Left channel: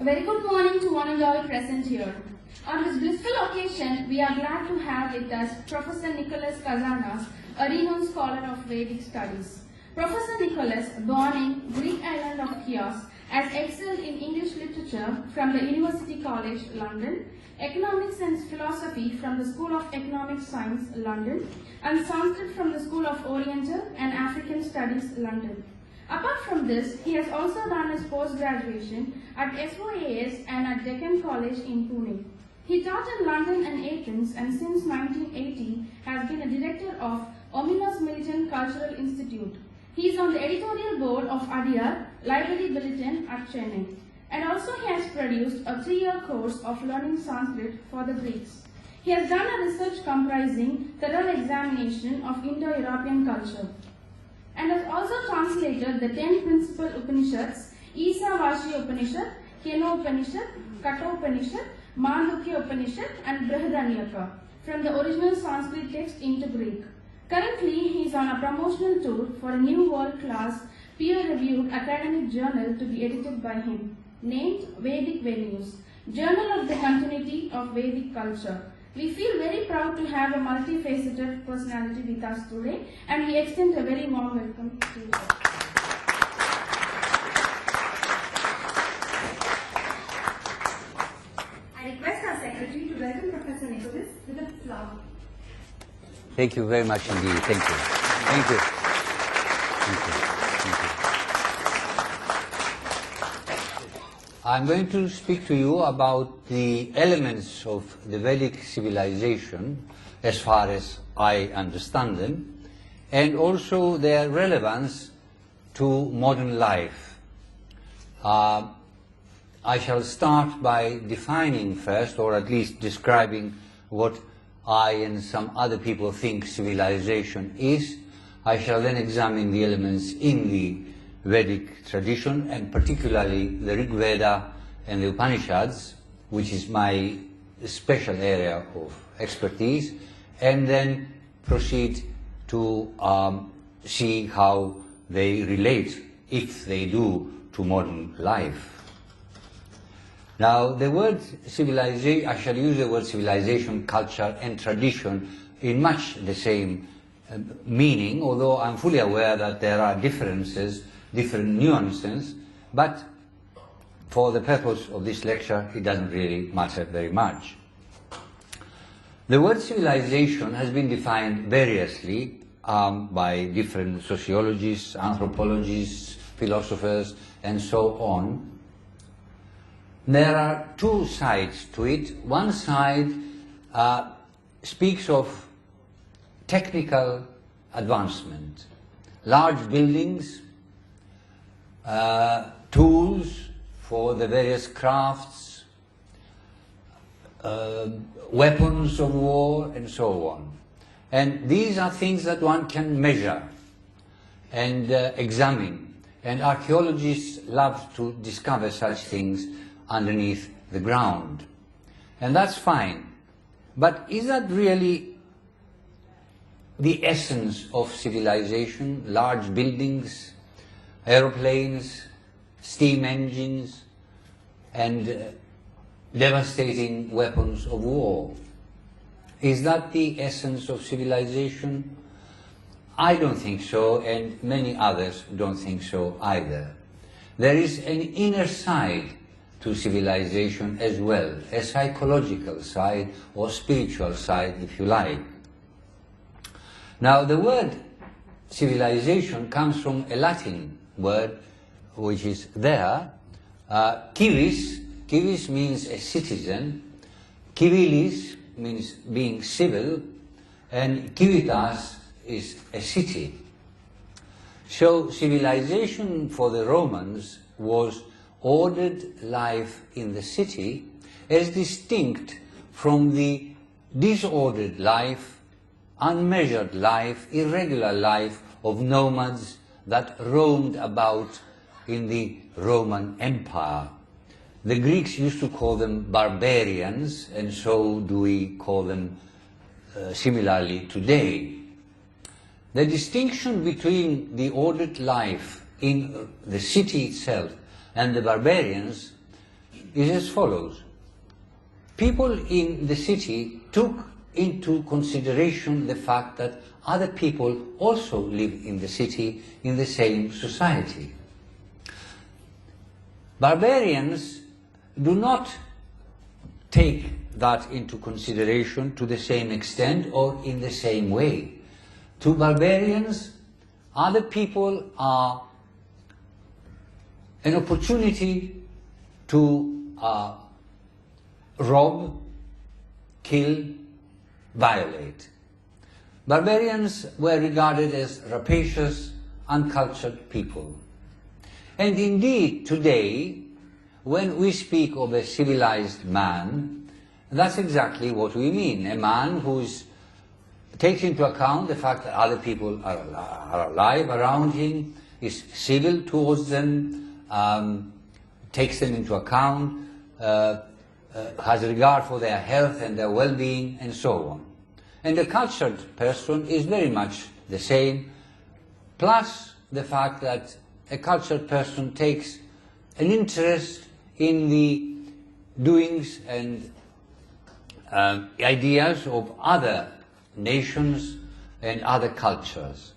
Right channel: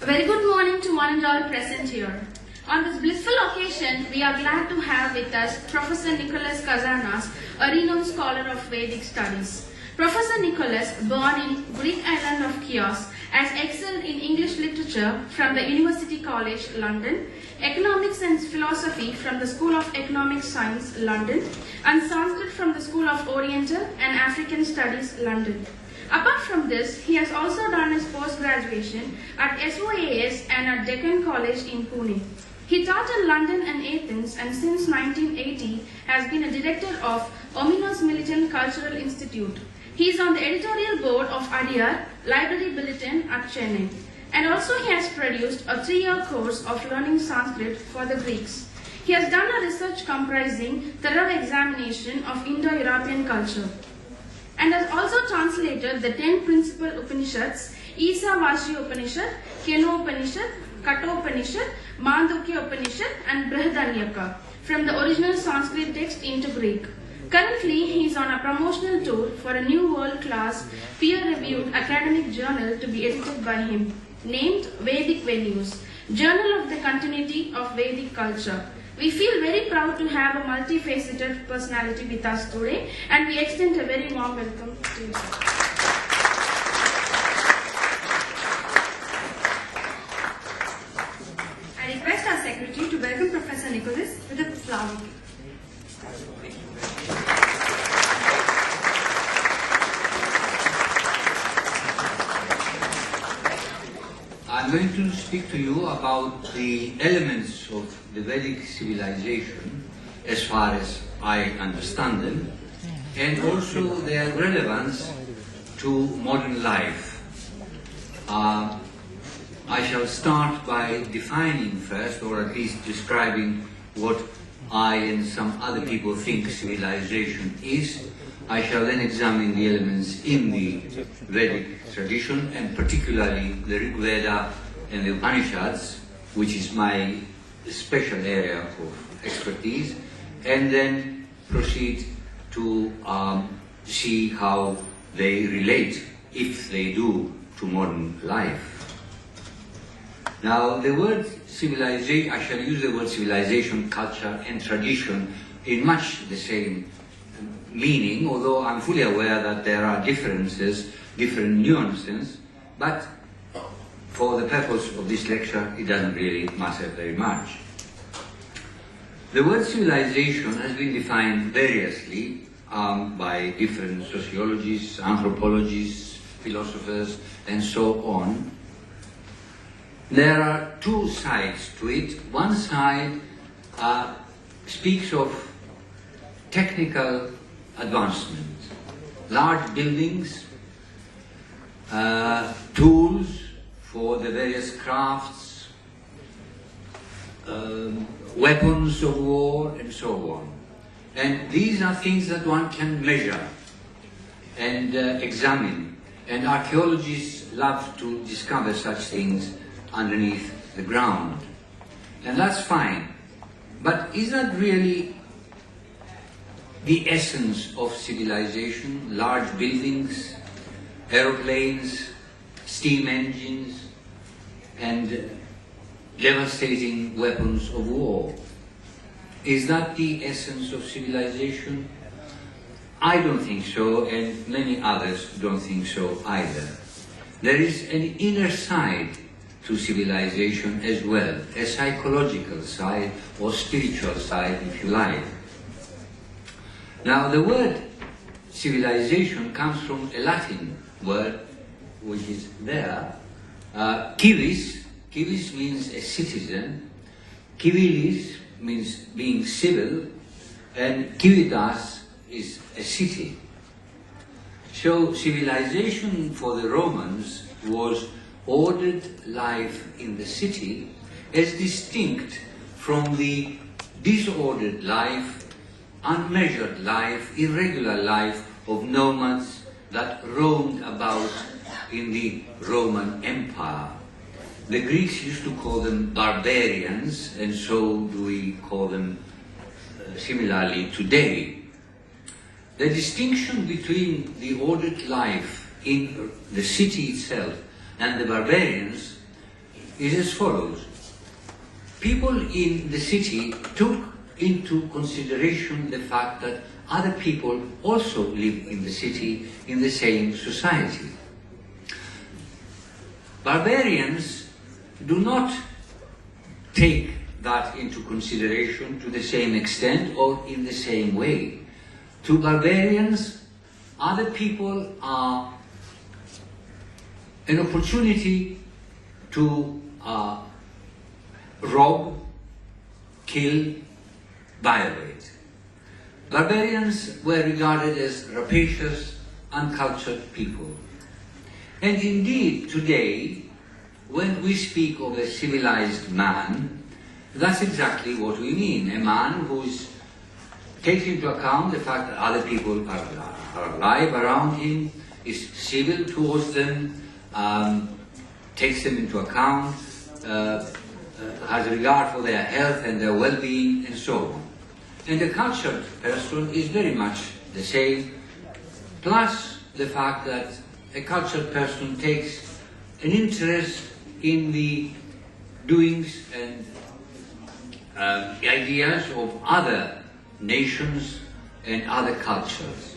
A very good morning to one and all present here. On this blissful occasion, we are glad to have with us Professor Nicholas Kazanas, a renowned scholar of Vedic studies. Professor Nicholas, born in Greek island of Chios, has excelled in English literature from the University College, London, Economics and Philosophy from the School of Economic Science, London, and Sanskrit from the School of Oriental and African Studies, London. Apart from this, he has also done his post-graduation at SOAS and at Deccan College in Pune. He taught in London and Athens, and since 1980 has been a director of Ominos Militant Cultural Institute. He is on the editorial board of Adyar Library Bulletin at Chennai. And also he has produced a 3-year course of learning Sanskrit for the Greeks. He has done a research comprising thorough examination of Indo-European culture, and has also translated the 10 principal Upanishads, Isavashi Upanishad, Keno Upanishad, Kato Upanishad, Mandukya Upanishad, and Brihadanyaka from the original Sanskrit text into Greek. Currently, he is on a promotional tour for a new world-class, peer-reviewed academic journal to be edited by him, named Vedic Venues, Journal of the Continuity of Vedic Culture. We feel very proud to have a multifaceted personality with us today, and we extend a very warm welcome to you. I request our secretary to welcome Professor Nicholas with a flower. Thank you very much indeed. Thank you. Thank you. I'm going to speak to you about the elements of the Vedic civilization as far as I understand them, and also their relevance to modern life. I shall start by defining first, or at least describing what I and some other people think civilization is. I shall then examine the elements in the Vedic tradition, and particularly the Rigveda and the Upanishads, which is my special area of expertise, and then proceed to see how they relate, if they do, to modern life. Now, the word civilization, I shall use the word civilization, culture, and tradition in much the same meaning, although I'm fully aware that there are differences, different nuances, but for the purpose of this lecture, it doesn't really matter very much. The word civilization has been defined variously by different sociologists, anthropologists, philosophers, and so on. There are two sides to it. One side speaks of technical advancement, large buildings, tools for the various crafts, weapons of war, and so on. And these are things that one can measure and examine. And archaeologists love to discover such things underneath the ground. And that's fine. But is that really the essence of civilization? Large buildings, aeroplanes, steam engines, and devastating weapons of war. Is that the essence of civilization? I don't think so, and many others don't think so either. There is an inner side to civilization as well, a psychological side or spiritual side, if you like. Now, the word civilization comes from a Latin word which is there, civis. Civis means a citizen, civilis means being civil, and civitas is a city. So civilization for the Romans was ordered life in the city as distinct from the disordered life, unmeasured life, irregular life of nomads that roamed about in the Roman Empire. The Greeks used to call them barbarians, and so do we call them similarly today. The distinction between the ordered life in the city itself and the barbarians is as follows. People in the city took into consideration the fact that other people also live in the city in the same society. Barbarians do not take that into consideration to the same extent or in the same way. To barbarians, other people are an opportunity to rob, kill, violate. Barbarians were regarded as rapacious, uncultured people. And indeed, today, when we speak of a civilized man, that's exactly what we mean. A man who takes into account the fact that other people are alive around him, is civil towards them, takes them into account, has regard for their health and their well-being, and so on. And the cultured person is very much the same, plus the fact that a cultured person takes an interest in the doings and ideas of other nations and other cultures.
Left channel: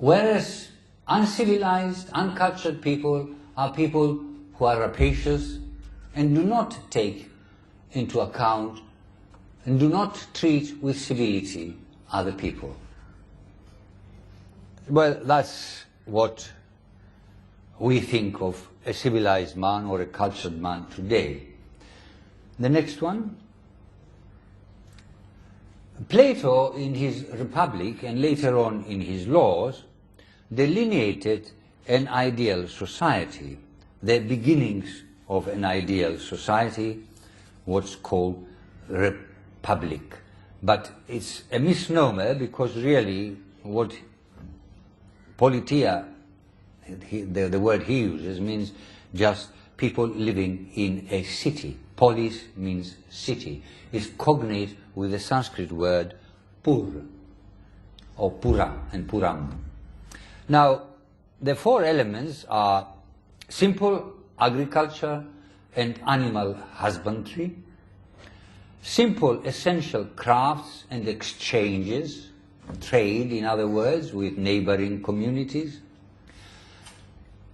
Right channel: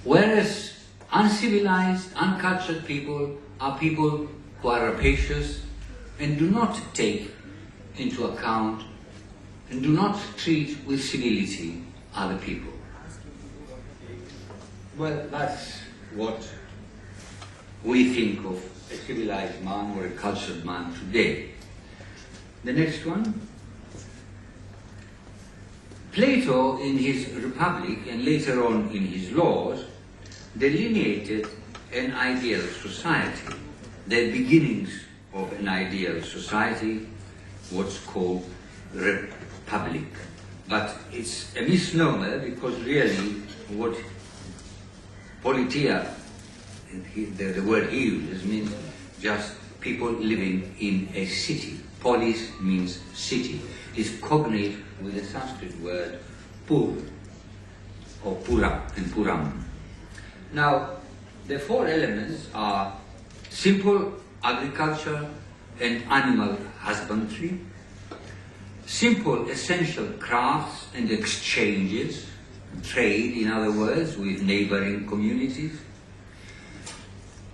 Whereas uncivilized, uncultured people are people who are rapacious and do not take into account and do not treat with civility other people. Well, that's what we think of a civilized man or a cultured man today. The next one. Plato, in his Republic and later on in his Laws, delineated an ideal society, the beginnings of an ideal society, what's called republic. But it's a misnomer because really what politia, the word he uses, means just people living in a city. Polis means city. It's cognate with the Sanskrit word pur, or pura and puram. Now, the four elements are simple agriculture and animal husbandry, simple essential crafts and exchanges, trade in other words, with neighboring communities,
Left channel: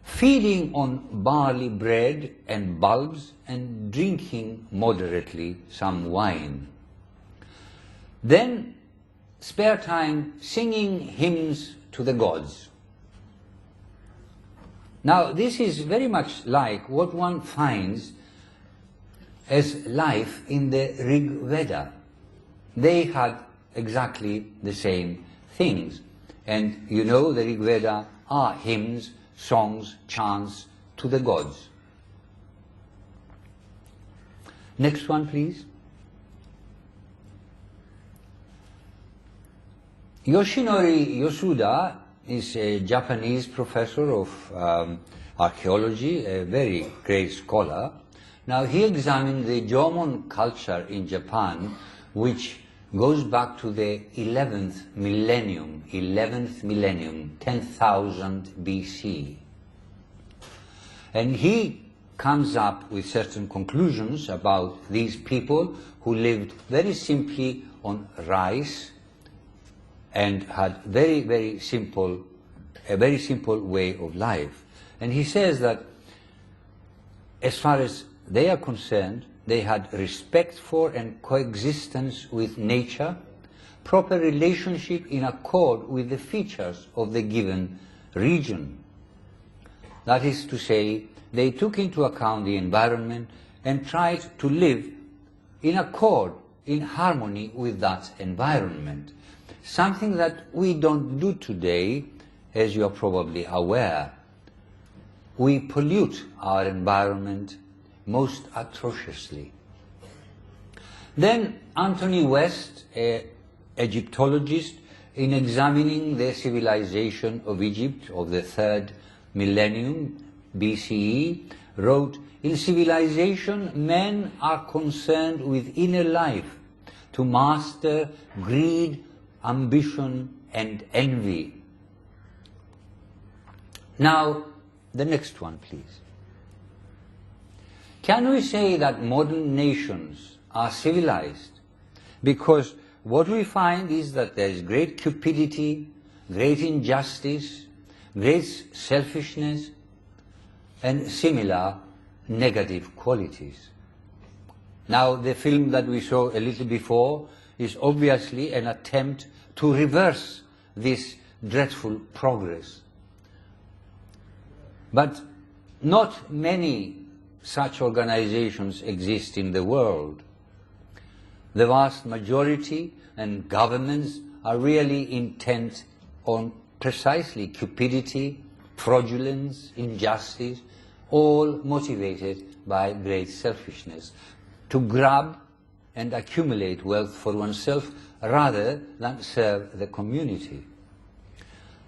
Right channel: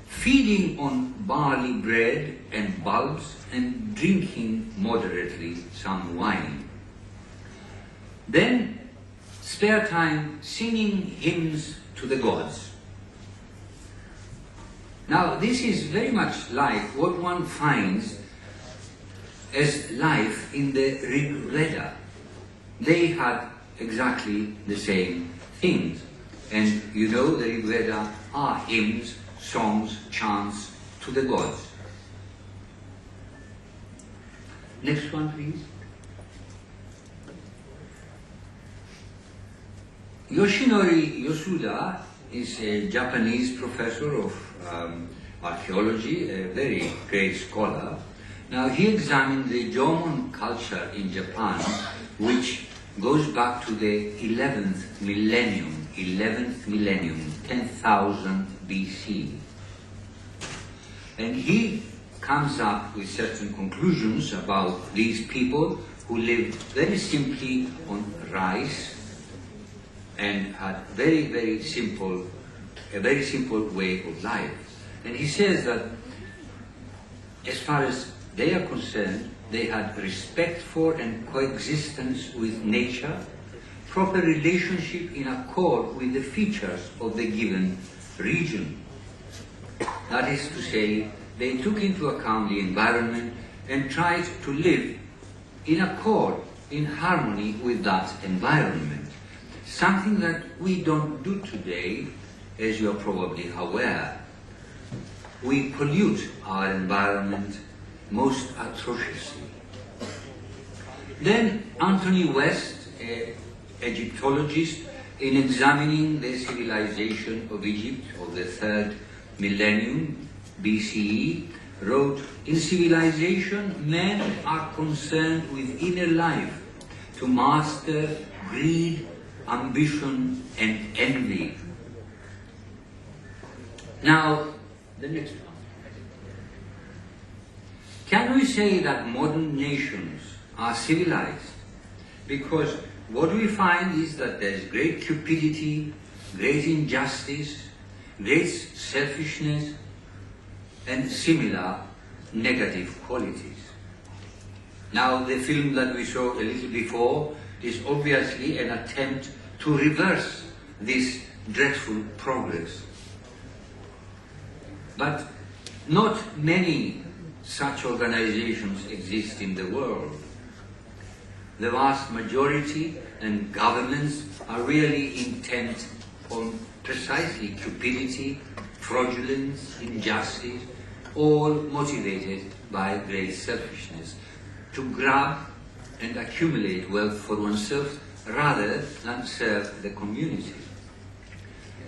feeding on barley bread and bulbs and drinking moderately some wine. Then spare time singing hymns to the gods. Now this is very much like what one finds as life in the Rigveda. They had exactly the same things. And you know the Rigveda are hymns, songs, chants to the gods. Next one, please. Yoshinori Yosuda is a Japanese professor of archaeology, a very great scholar. Now he examined the Jomon culture in Japan, which goes back to the 11th millennium, 10,000 BC. And he comes up with certain conclusions about these people who lived very simply on rice and had a very simple way of life. And he says that as far as they are concerned, they had respect for and coexistence with nature, proper relationship in accord with the features of the given region. That is to say, they took into account the environment and tried to live in accord, in harmony with that environment. Something that we don't do today, as you're probably aware. We pollute our environment most atrociously. Then Anthony West, an Egyptologist, in examining the civilization of Egypt of the 3rd millennium BCE, wrote, "In civilization, men are concerned with inner life, to master greed, ambition, and envy." Now, the next one, please. can we say that modern nations are civilized? Because what we find is that there is great cupidity, great injustice, great selfishness, and similar negative qualities. Now, the film that we saw a little before is obviously an attempt to reverse this dreadful progress. But not many such organizations exist in the world. The vast majority and governments are really intent on precisely cupidity, fraudulence, injustice, all motivated by great selfishness, to grab and accumulate wealth for oneself rather than serve the community.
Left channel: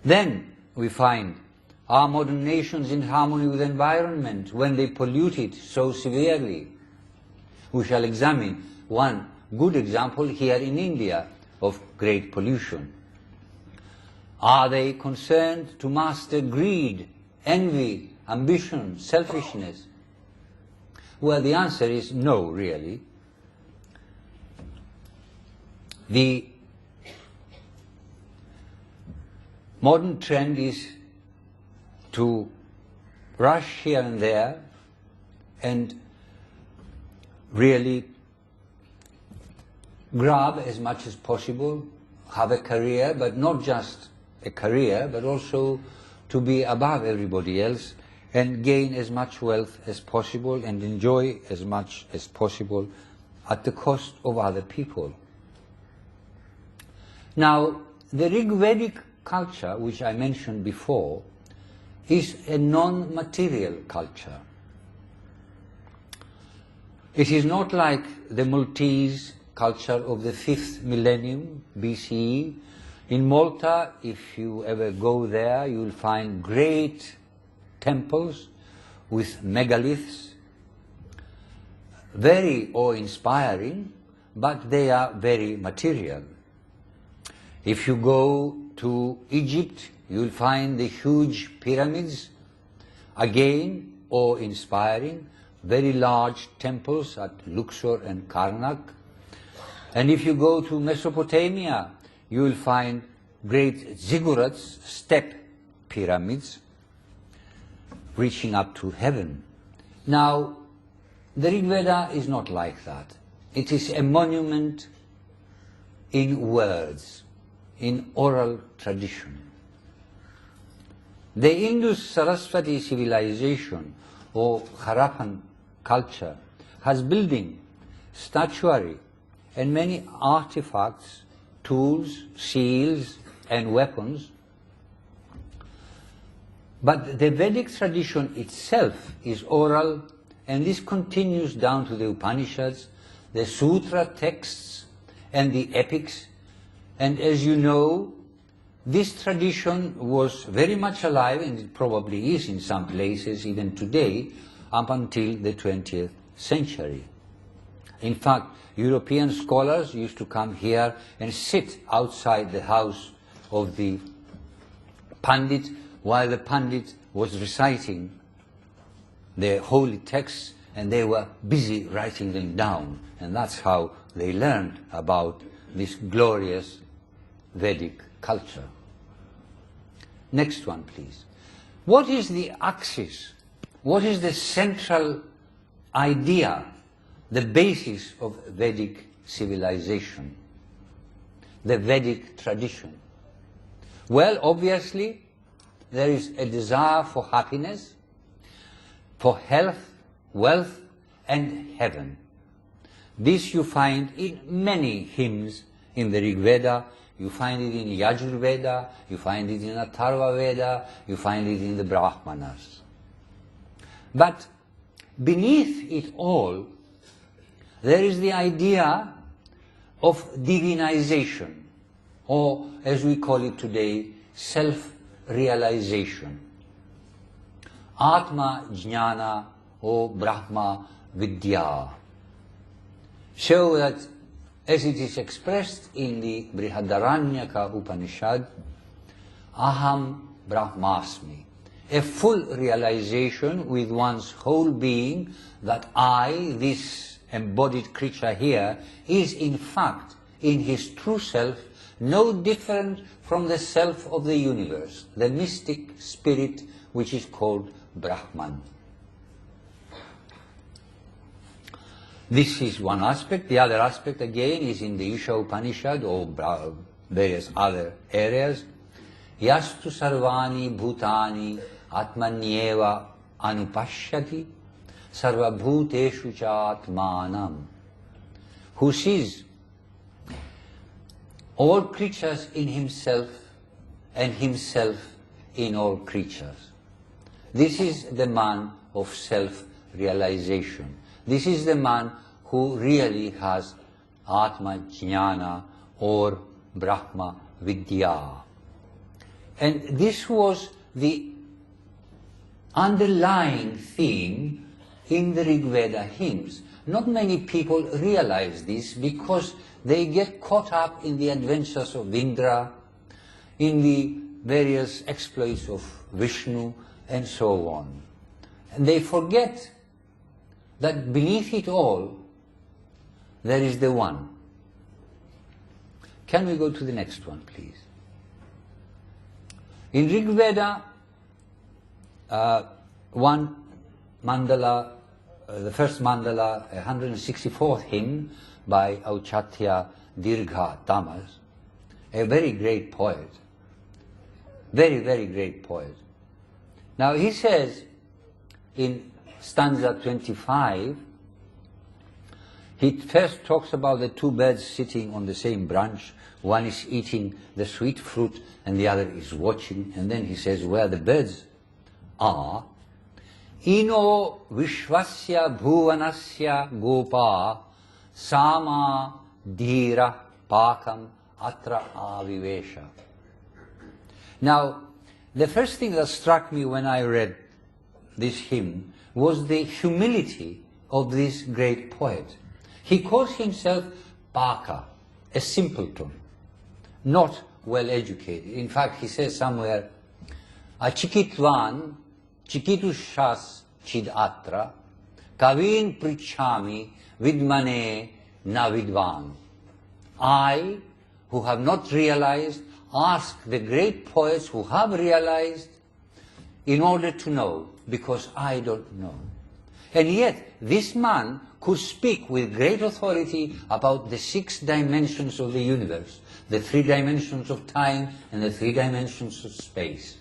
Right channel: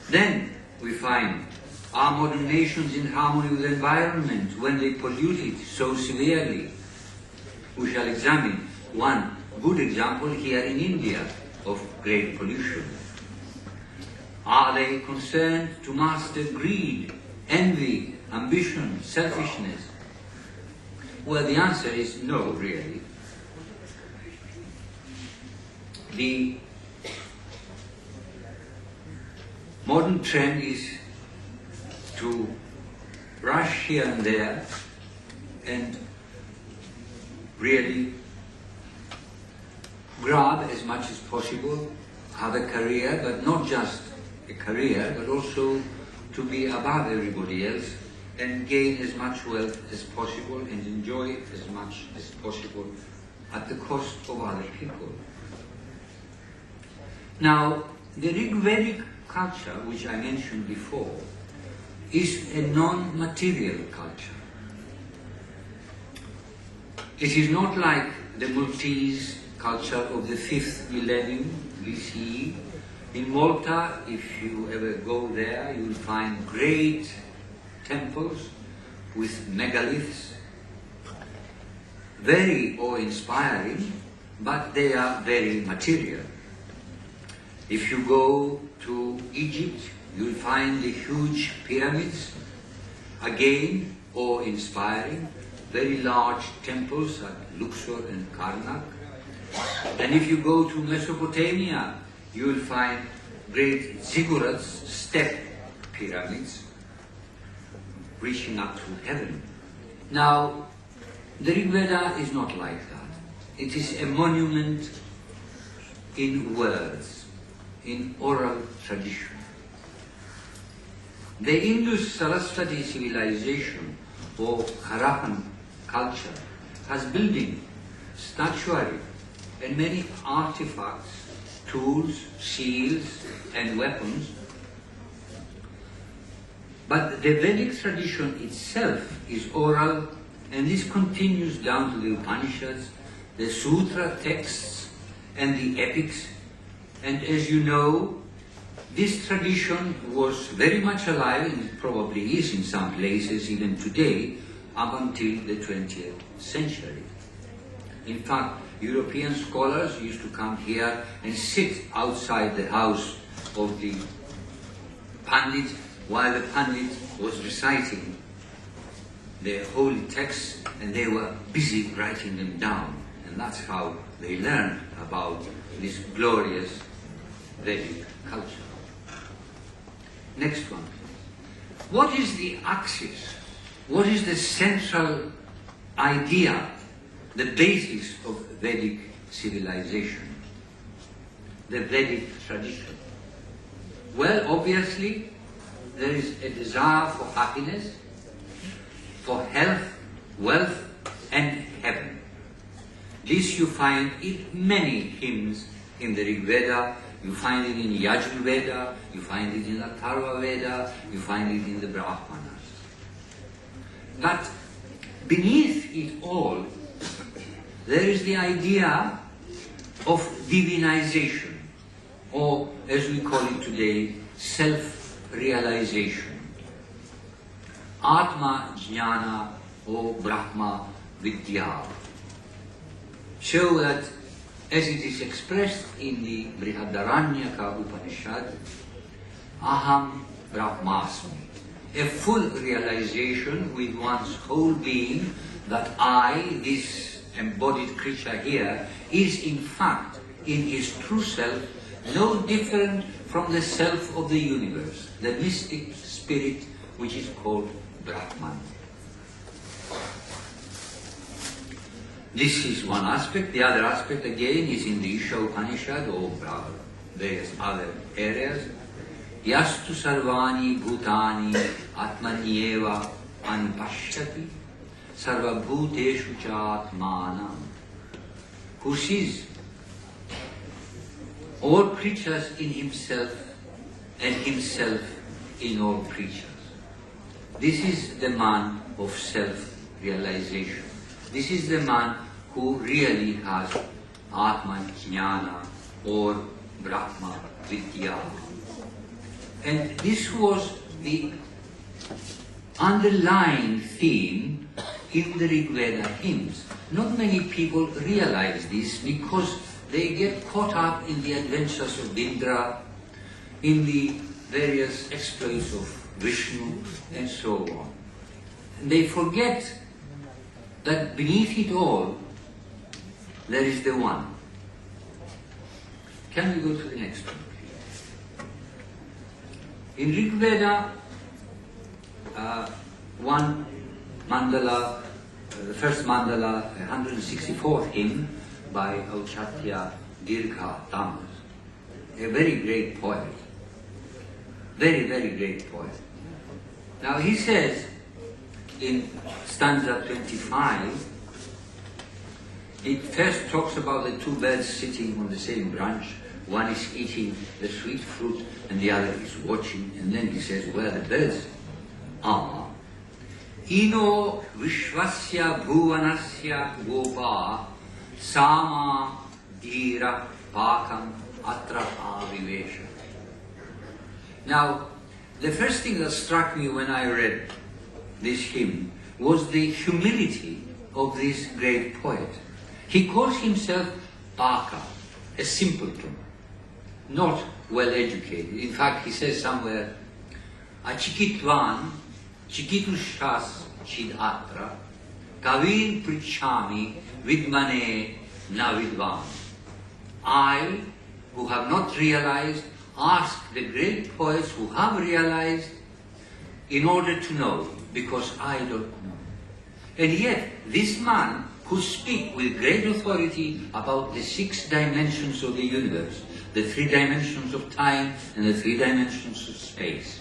Then we find, are modern nations in harmony with the environment when they pollute it so severely? We shall examine one good example here in India of great pollution. Are they concerned to master greed, envy, ambition, selfishness? Well, the answer is no, really. The modern trend is to rush here and there and really grab as much as possible, have a career, but not just a career, but also to be above everybody else and gain as much wealth as possible and enjoy as much as possible at the cost of other people. Now, the Rigvedic culture, which I mentioned before, is a non-material culture. It is not like the Maltese culture of the 5th millennium BCE. In Malta, if you ever go there, you will find great temples with megaliths, very awe-inspiring, but they are very material. If you go to Egypt, you will find the huge pyramids, again awe-inspiring, very large temples at Luxor and Karnak. And if you go to Mesopotamia, you will find great ziggurats, step pyramids, reaching up to heaven. Now, the Rigveda is not like that. It is a monument in words, in oral tradition. The Indus-Sarasvati civilization or Harappan culture has building, statuary, and many artifacts, tools, seals, and weapons. But the Vedic tradition itself is oral, and this continues down to the Upanishads, the Sutra texts, and the epics. And as you know, this tradition was very much alive, and it probably is in some places even today, up until the 20th century. In fact, European scholars used to come here and sit outside the house of the Pandit while the Pandit was reciting the holy texts, and they were busy writing them down. And that's how they learned about this glorious Vedic culture. Next one, please. What is the axis? What is the central idea, the basis of Vedic civilization? The Vedic tradition. Well, obviously, there is a desire for happiness, for health, wealth, and heaven. This you find in many hymns in the Rigveda. You find it in Yajurveda, you find it in Atharva Veda, you find it in the Brahmanas. But beneath it all, there is the idea of divinization, or as we call it today, self-realization. Atma Jnana or Brahma Vidya. So that, as it is expressed in the Brihadaranyaka Upanishad, Aham Brahmasmi, a full realization with one's whole being that I, this embodied creature here, is in fact, in his true self, no different from the self of the universe, the mystic spirit which is called Brahman. This is one aspect. The other aspect again is in the Isha Upanishad or various other areas. Yastu sarvani bhutani atmanyeva anupashyati sarvabhuteshu cha atmanam. Who sees all creatures in himself and himself in all creatures. This is the man of self-realization. This is the man who really has Atman Jnana or Brahma Vidya. And this was the underlying theme in the Rigveda hymns. Not many people realize this because they get caught up in the adventures of Indra, in the various exploits of Vishnu, and so on. And they forget that beneath it all, there is the One. Can we go to the next one, please? In Rigveda, one mandala, the first mandala, 164th hymn by Auchatya Dirgha Tamas, a very great poet. Very, very great poet. Now he says in stanza 25, he first talks about the two birds sitting on the same branch. One is eating the sweet fruit and the other is watching. And then he says where the birds are. Ino vishvasya bhuvanasya gopa sama dhira pakam atra avivesha. Now, the first thing that struck me when I read this hymn was the humility of this great poet. He calls himself Paka, a simpleton, not well educated. In fact, he says somewhere, Achikitvan, chikitushas chid atra, kavin prichami vidmane na vidvan. I, who have not realized, ask the great poets who have realized in order to know, because I don't know. And yet, this man could speak with great authority about the 6 dimensions of the universe, the 3 dimensions of time and the 3 dimensions of space.